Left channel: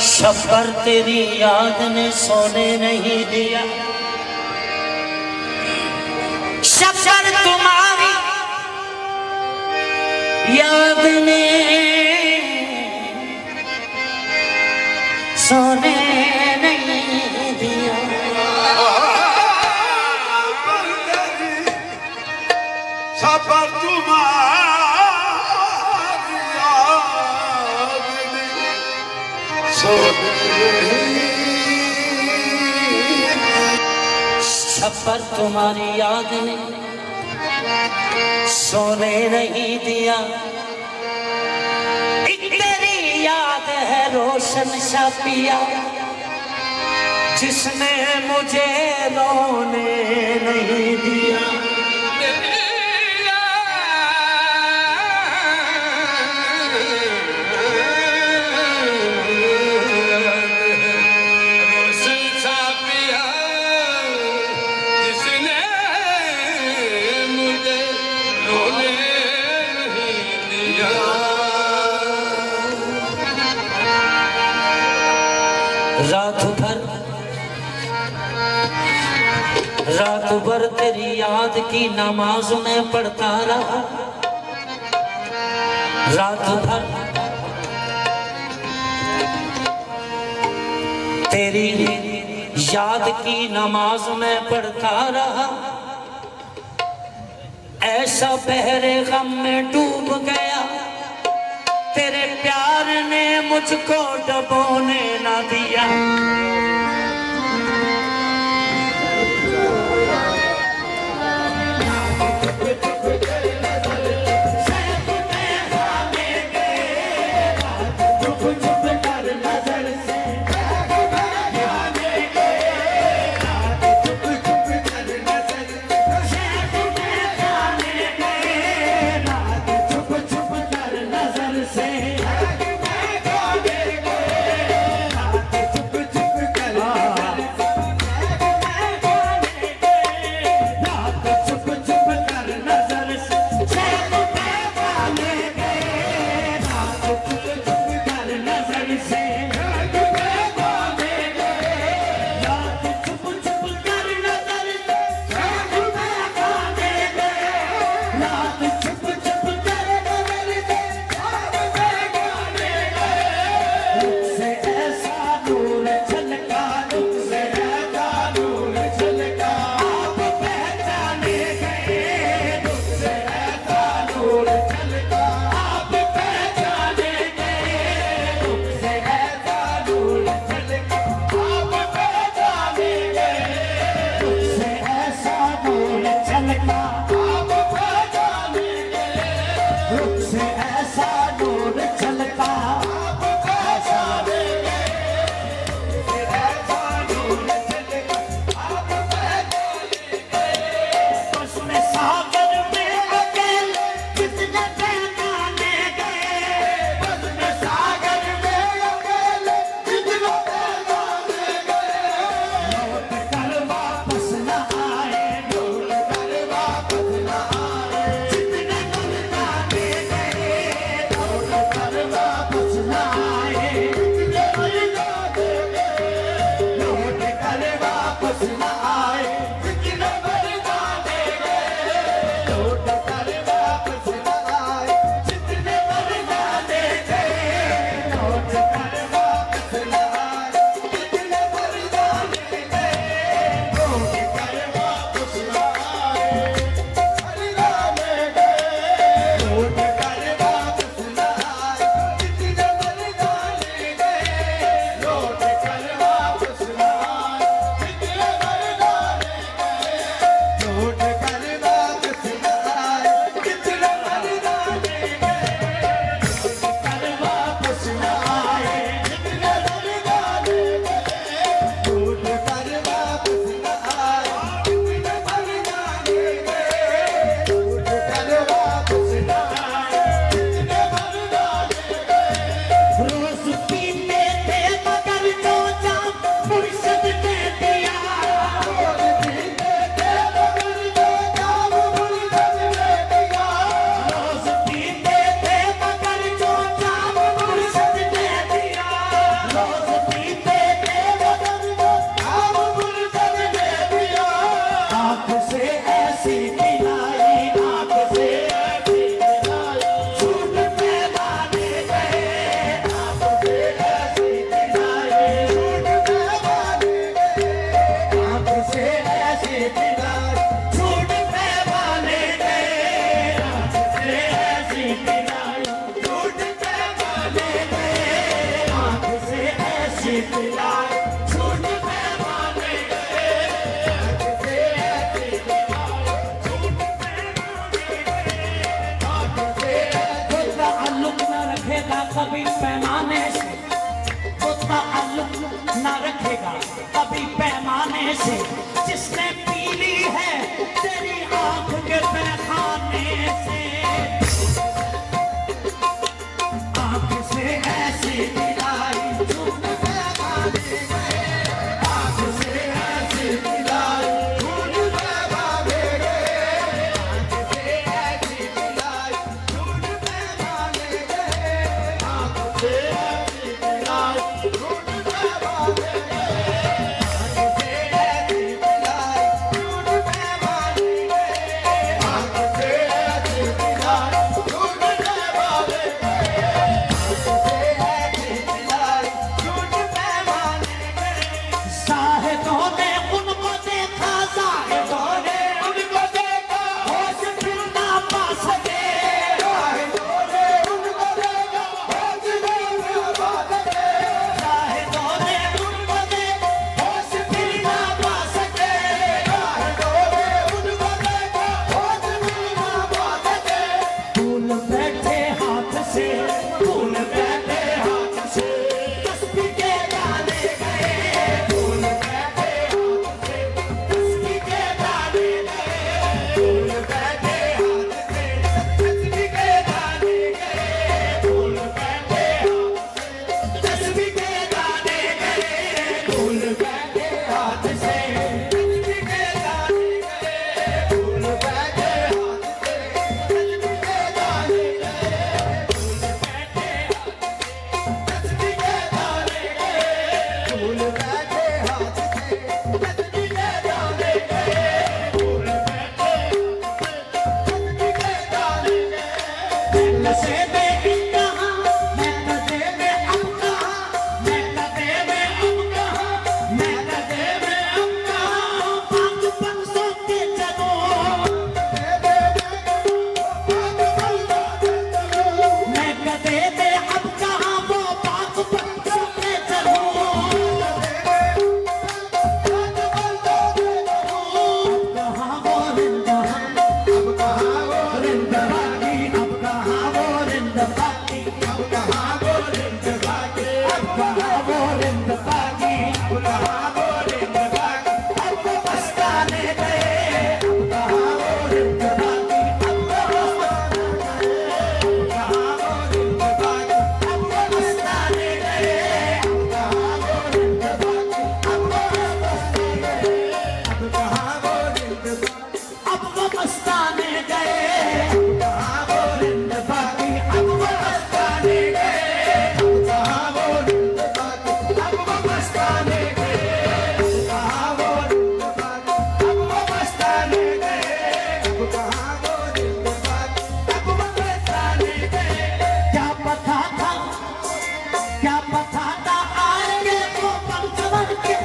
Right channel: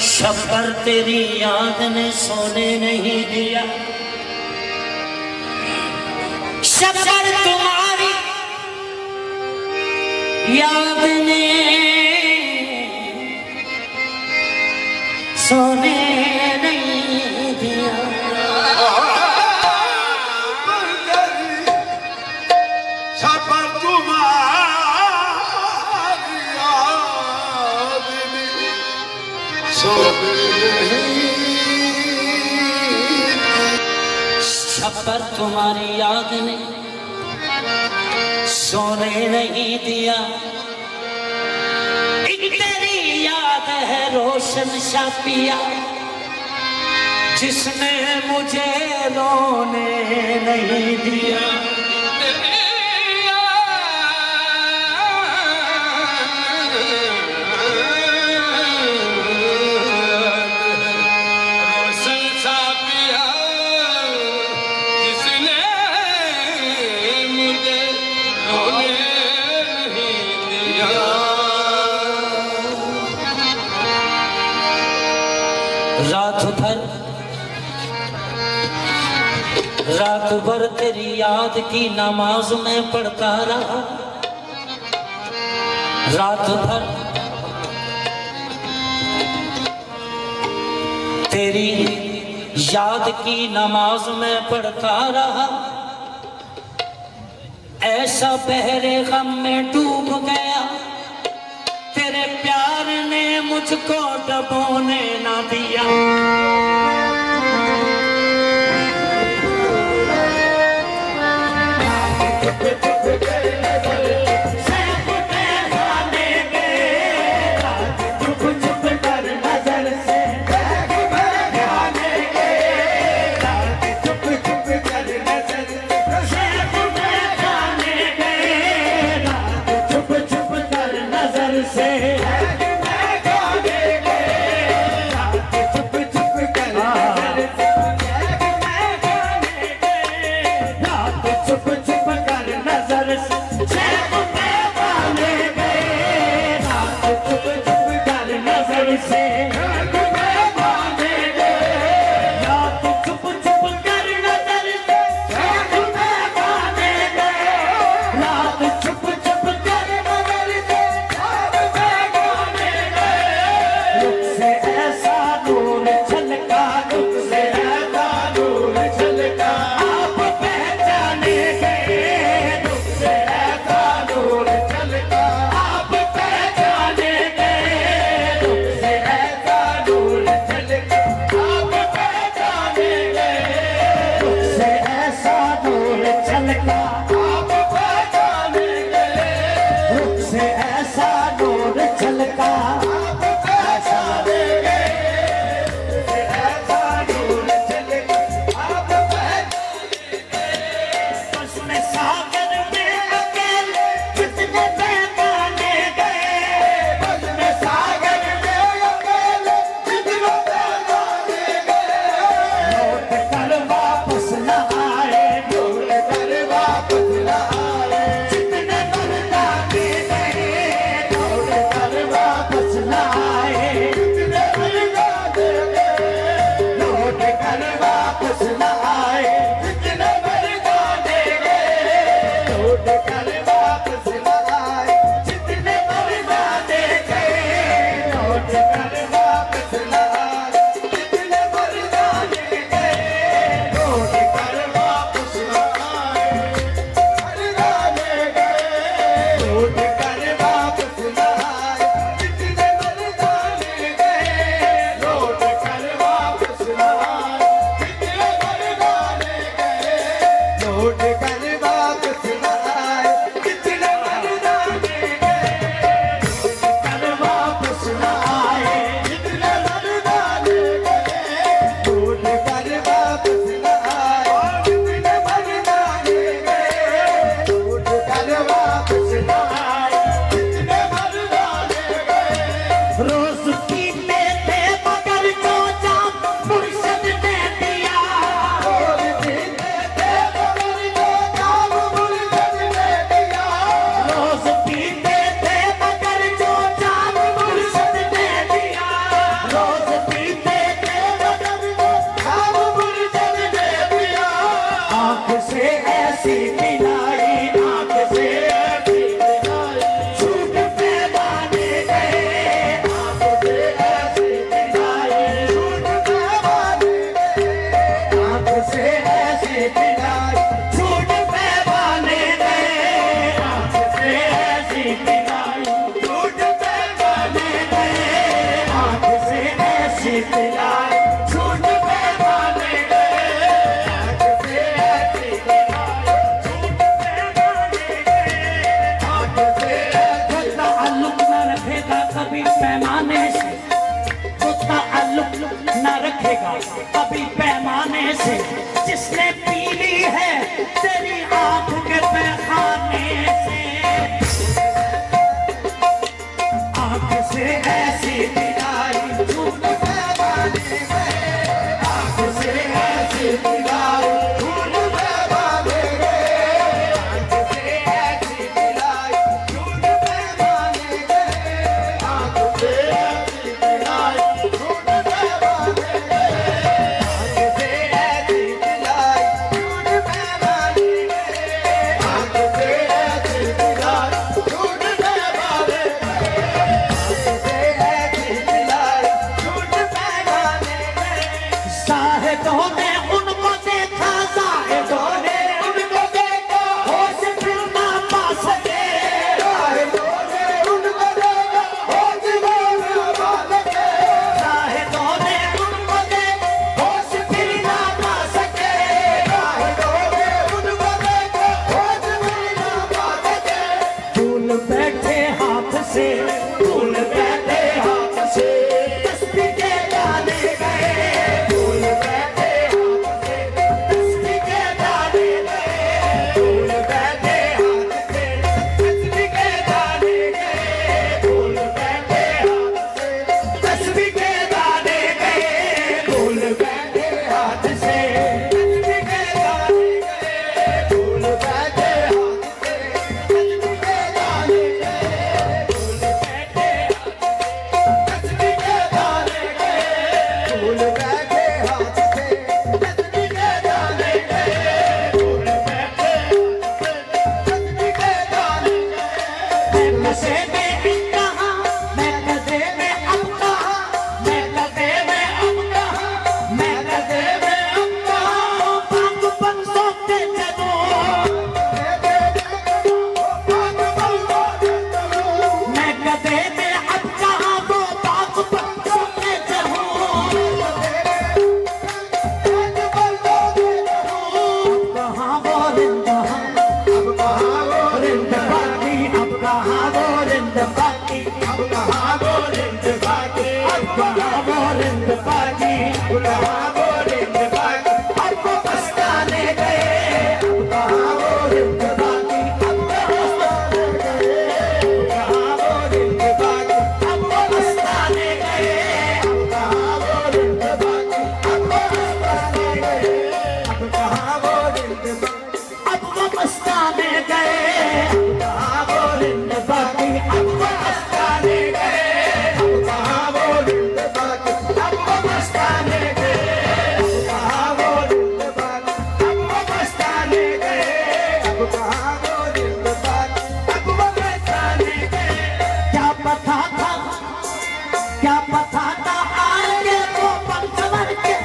शब्बर तेरी याद ने सोने नहीं दिया, शब्बर तुम्हारी याद ने सोने नहीं दिया। शब्बर तुम्हारी याद ने शब्बर तुम्हारी याद ने सोने नहीं दिया। एक तेरी याद है रोशन सा पिया, जिसने मुझे रोने नहीं दिया। रात भर तेरी याद की नमाज में पढ़ता रहा, रात भर तेरी याद की नमाज में पढ़ता रहा। ऐसा बहरे गम में डूब गया, तेरे प्यार ने मुझको डुबोने ना दिया। मिलाए झूठ पैमाने ताल्लुक न रखेगा कभी पैमाने से, वो ताल्लुक न रखेगा कभी पैमाने से, जिसने पी ली है तेरी आंख के पैखाने से, आंख से ऐसी मिलाई झूठ पैमाने गए, आंख से ऐसी मिलाई झूठ पैमाने गए, आंख से ऐसी मिलाई झूठ पैमाने गए, आंख से ऐसी मिलाई झूठ पैमाने गए, आंख से ऐसी मिलाई झूठ पैमाने गए, आंख से ऐसी मिलाई झूठ पैमाने गए। साहिदों ने उनको देखा, साहिदों ने उनको देखा, होश फिर ना पा सके, साहिदों ने उनको देखा, होश फिर ना पा सके, साहिदों ने उनको देखा, होश फिर ना पा सके, साहिदों ने उनको देखा, होश फिर ना पा सके। फूल बैठे हाथ से, फूल बैठे हाथ से, तस्बीह के दाने गए, फूल बैठे हाथ से, तस्बीह के दाने गए, फूल बैठे हाथ से, तस्बीह के दाने गए, फूल बैठे हाथ से, तस्बीह के दाने गए, फूल बैठे हाथ से, तस्बीह के दाने गए, फूल बैठे हाथ से, तस्बीह के दाने गए, फूल बैठे तस्बीह के दाने गए, फूल बैठे हाथ से, तस्बीह के दाने गए, फूल बैठे तस्बीह के दाने गए। मैं नशे में कहाँ, मैं नशे में अब कहाँ, मैं नशे में अब कहाँ, मैं नशे में अब कहाँ, पाक बंसों के चलो, मैं गधे में अब कहाँ, वो पाक बंसों के चलो, कहाँ वो रिंदा, अब कहाँ वो रिंदा बाकी, अब कहाँ वो रिंदा बाकी, अब कहाँ वो रिंदा बाकी, अब कहाँ वो रिंदा बाकी, अब कहाँ वो रिंदा बाकी, अब वो पछताने गए, अब कहाँ वो रिंदा बाकी, अब कहाँ वो रिंदा बाकी, अब वो पछताने गए, अब कहाँ वो रिंदा बाकी, अब वो पछताने गए, अब कहाँ वो रिंदा बाकी, अब वो पछताने गए, अब कहाँ वो रिंदा बाकी, अब वो पछताने गए, अब कहाँ वो रिंदा बाकी, अब वो पछताने गए, अब कहाँ वो रिंदा बाकी, अब वो पछताने गए, अब कहाँ वो रिंदा बाकी, अब वो पछताने गए। क्या पता था, क्या पता था आगे वो पंचवर के,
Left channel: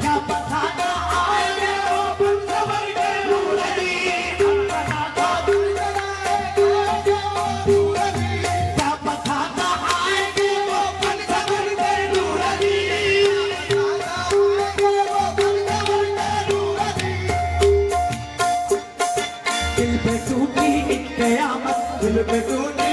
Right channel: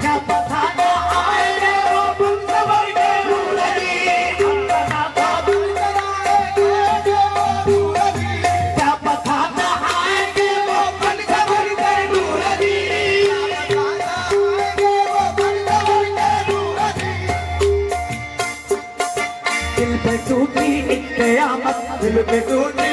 क्या पता था आगे वो पंचवर के नूरनी, क्या पता था पंचवर के नूरनी, क्या पता था आगे वो पंचवर के नूरनी, क्या पता था आगे वो पंचवर के नूरनी। दिल पे टूटी एक कयामत, दिल पे टूटी